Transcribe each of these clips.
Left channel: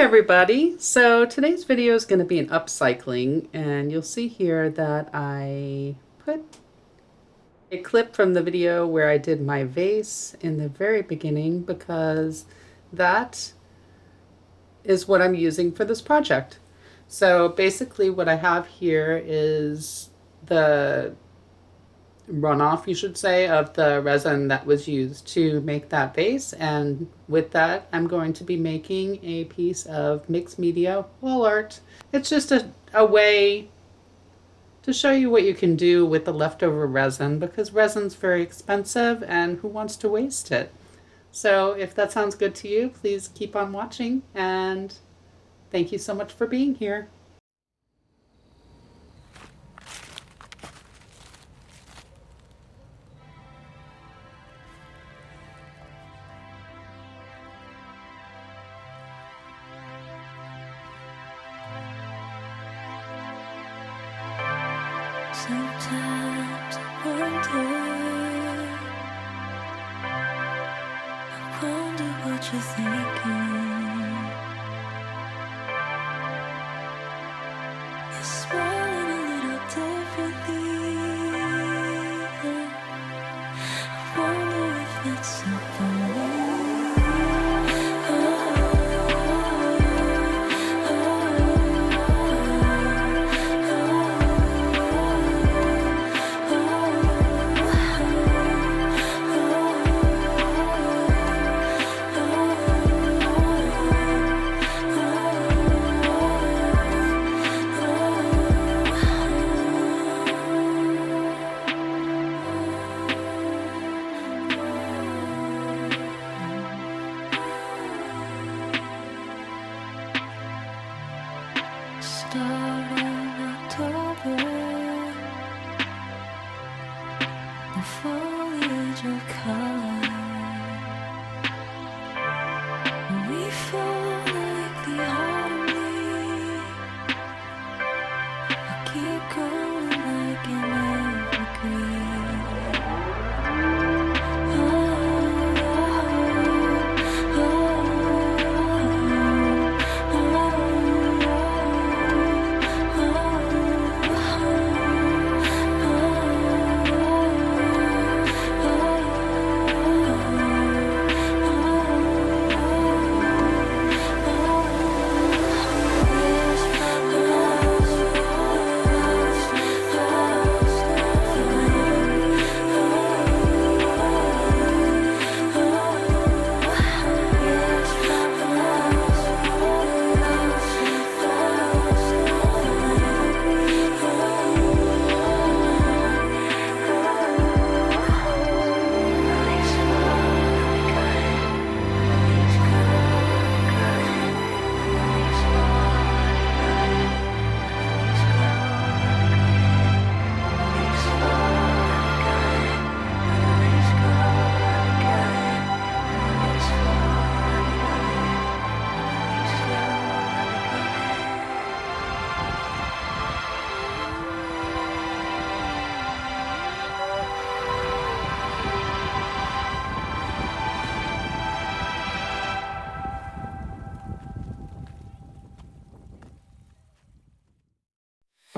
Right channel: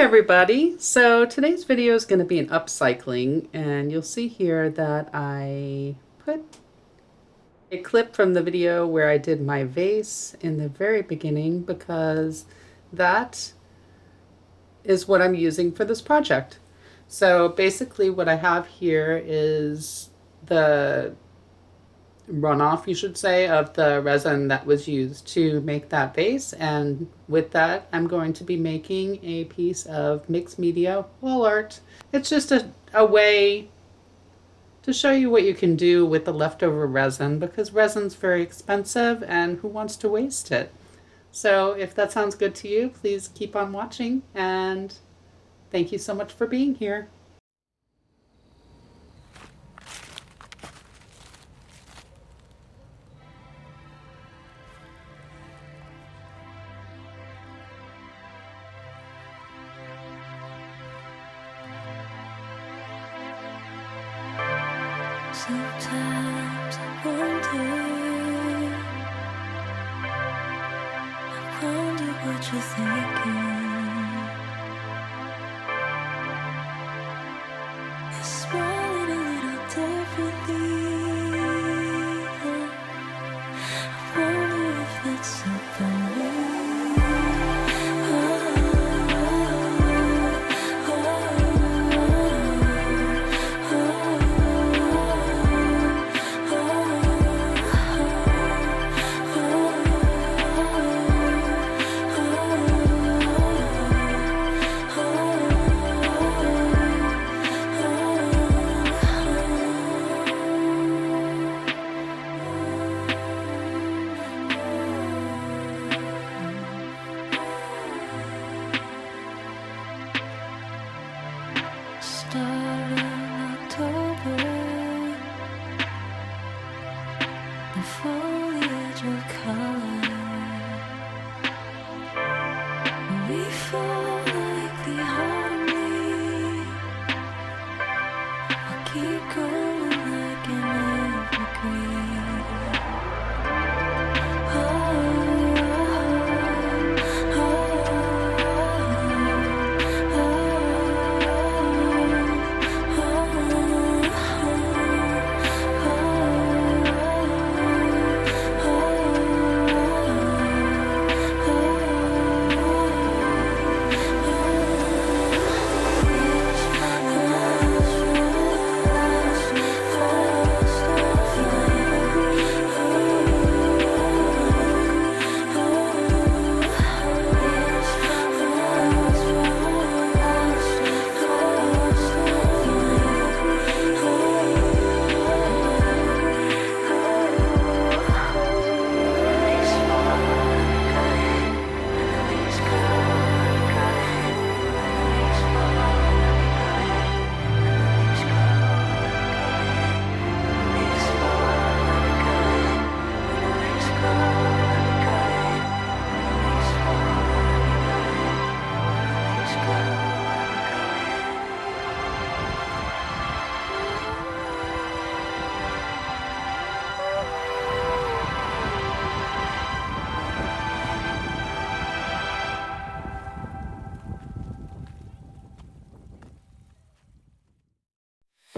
everybody. So today's video is going to be an upcycling, and you'll see here that I put a clip from the video where I did my vase in the very beginning because that is what I'm using for this project. So basically what I have here is the runoff, you should say, of the resin that was used to make that vase, and with that I'm going to be making a piece of mixed media wall art. It's just a way to show you what you can do with the leftover resin, because resin's very expensive and who wants to waste it? So if that sounds good to you, please keep on watching, and thank you so much for being here. Sometimes I wonder what you're thinking. You're smiling a little differently. I wonder if that's up on me. Start of October, the foliage of color. We fall like the autumn. I keep going like an evergreen.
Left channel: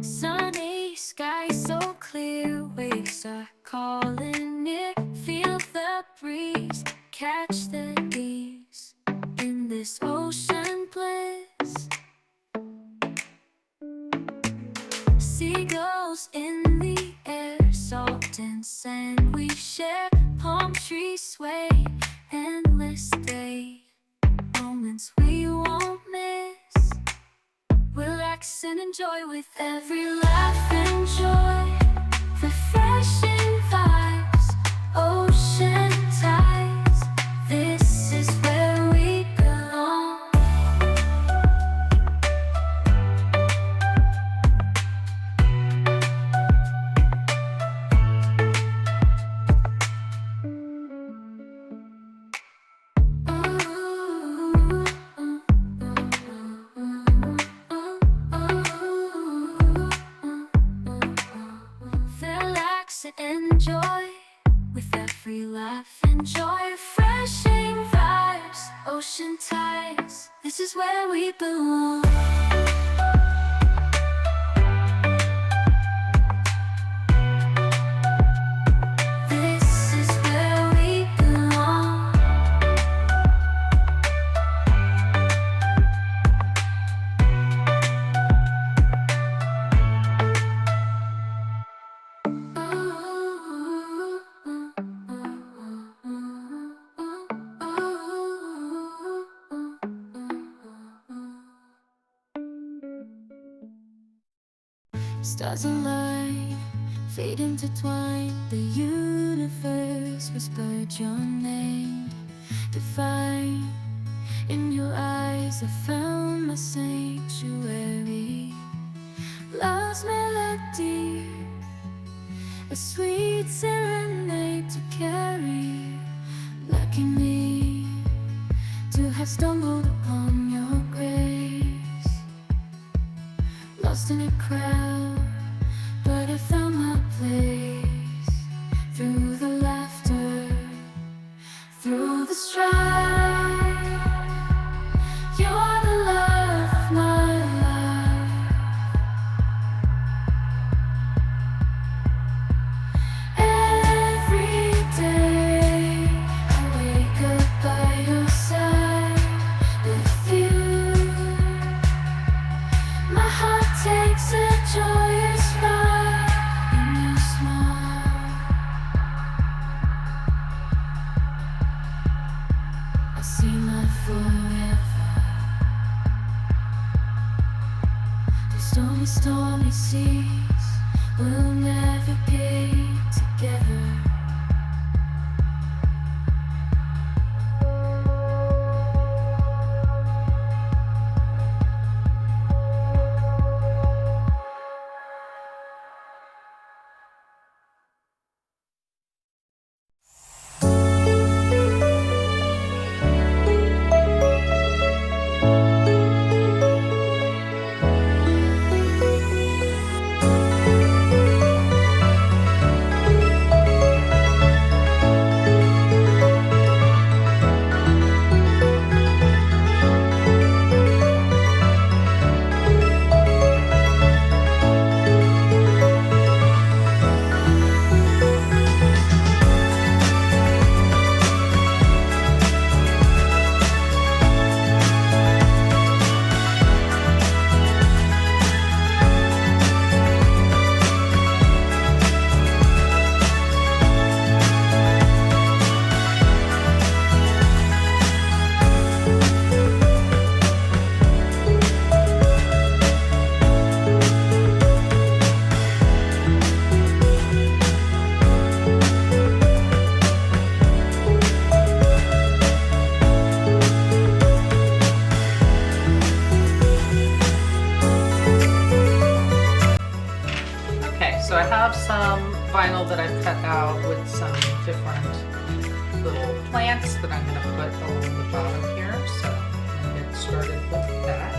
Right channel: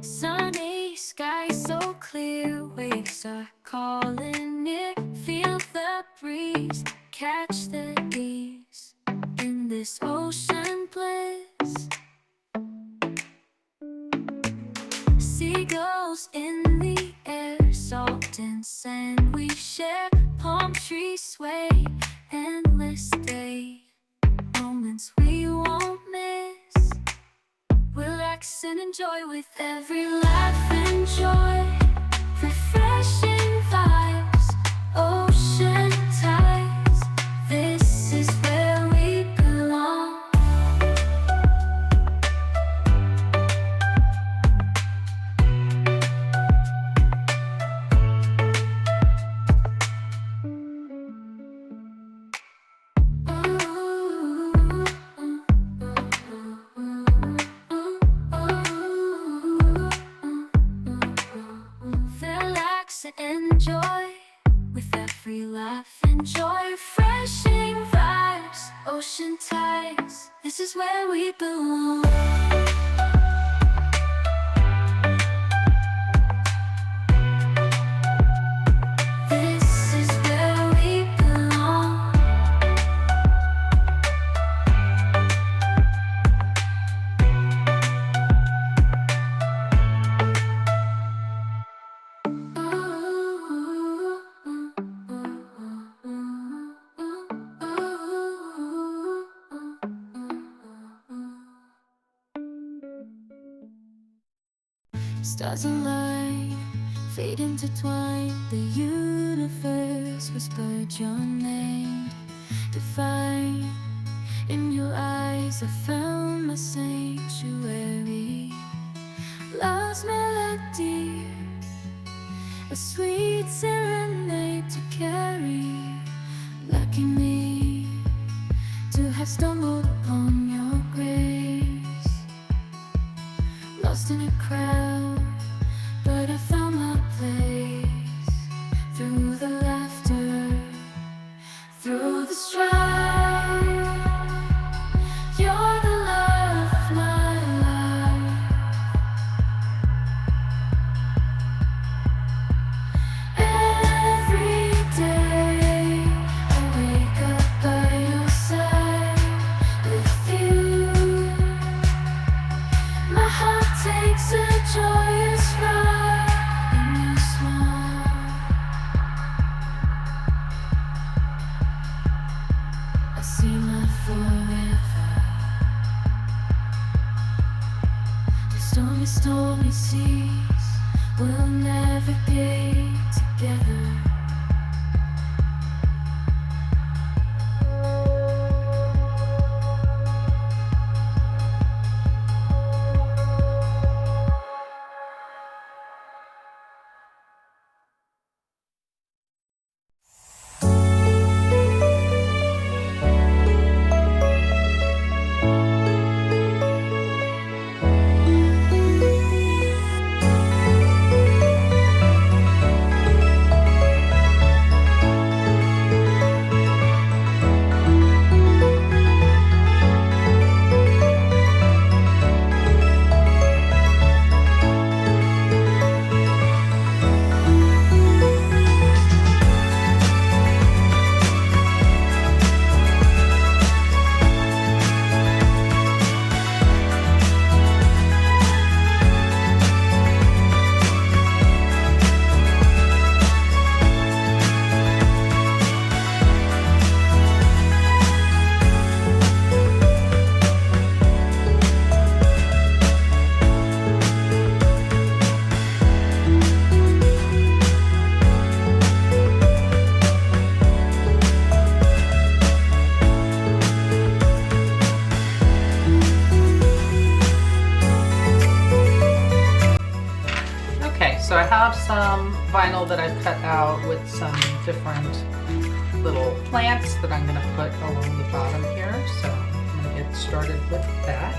Sunny sky so clear, waves are calling it. Feel the breeze, catch the ease in this ocean bliss. Seagulls in the air, salt and sand we share. Palm trees sway, endless day, moments we won't miss. Relax and enjoy with every laugh and joy. Refreshing vibes, ocean tides. This is where we belong. Enjoy with every laugh, enjoy refreshing vibes, ocean tides, this is where we belong. This is where we belong. Stars align, fate intertwined. The universe whispered your name, divine. In your eyes I found my sanctuary. Love's melody, a sweet serenade to carry. Lucky me to have stumbled upon your grace. Lost in a crowd, but I found my place. Through the laughter, through the strife, you're the love of my life. Every day I wake up by your side. With you, my heart takes a joyous ride. In your smile, I see my forever. The stormy, stormy seas will navigate together. Okay, so I have some vinyl that I've cut out with some different little plants that I'm going to put along the bottom here. So I'm going to get started with that.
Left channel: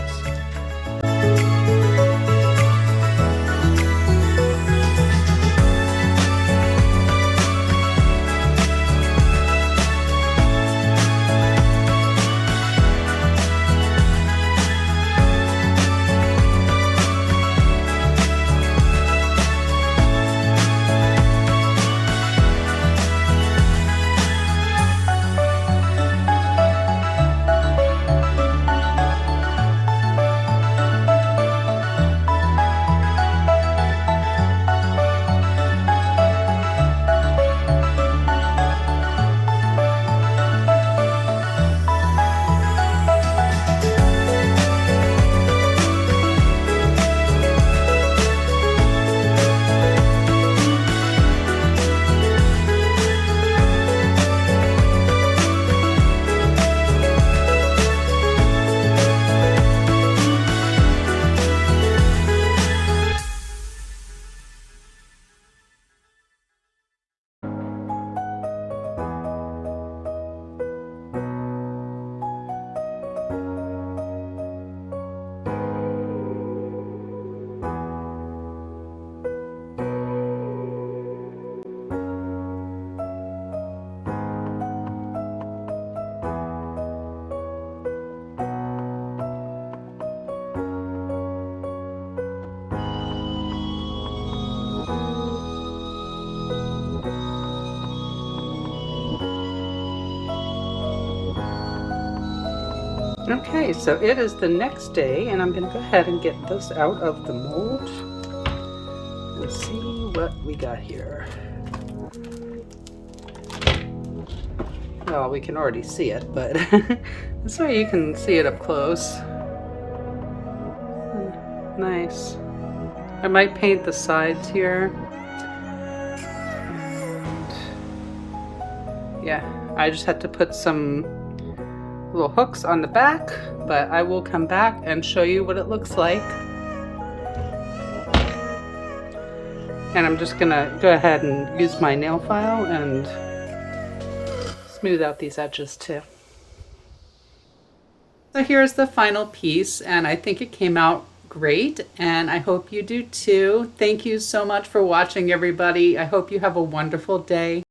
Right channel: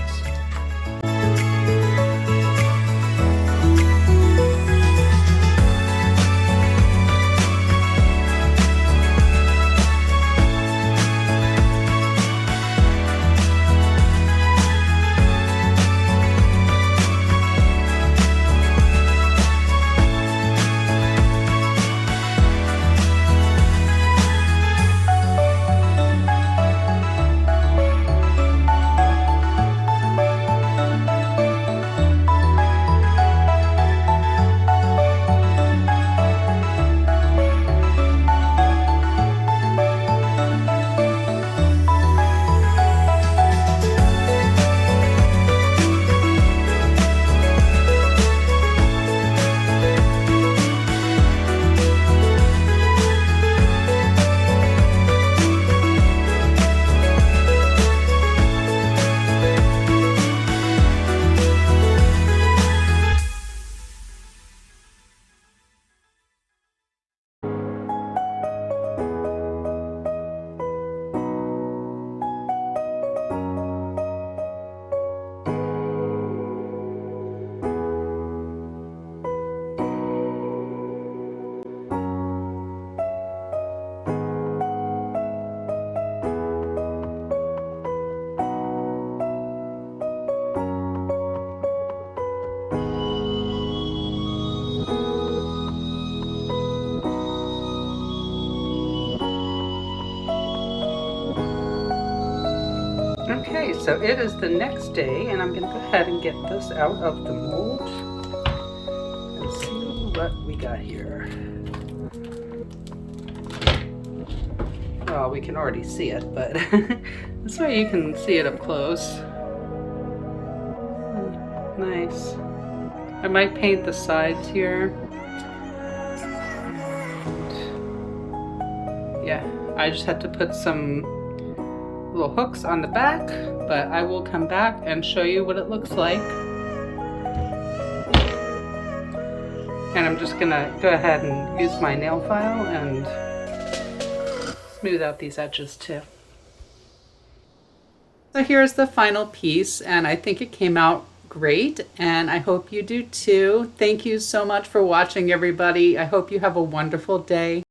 Okay, so it is the next day, and I'm going to go ahead and get this out of the mold and see what we got here. Well, we can already see it, but this way you can see it up close. Nice. I might paint the sides here. And yeah, I just had to put some little hooks on the back, but I will come back and show you what it looks like. And I'm just gonna go ahead and use my nail file and smooth out these edges too. So here's the final piece, and I think it came out great, and I hope you do too. Thank you so much for watching, everybody. I hope you have a wonderful day.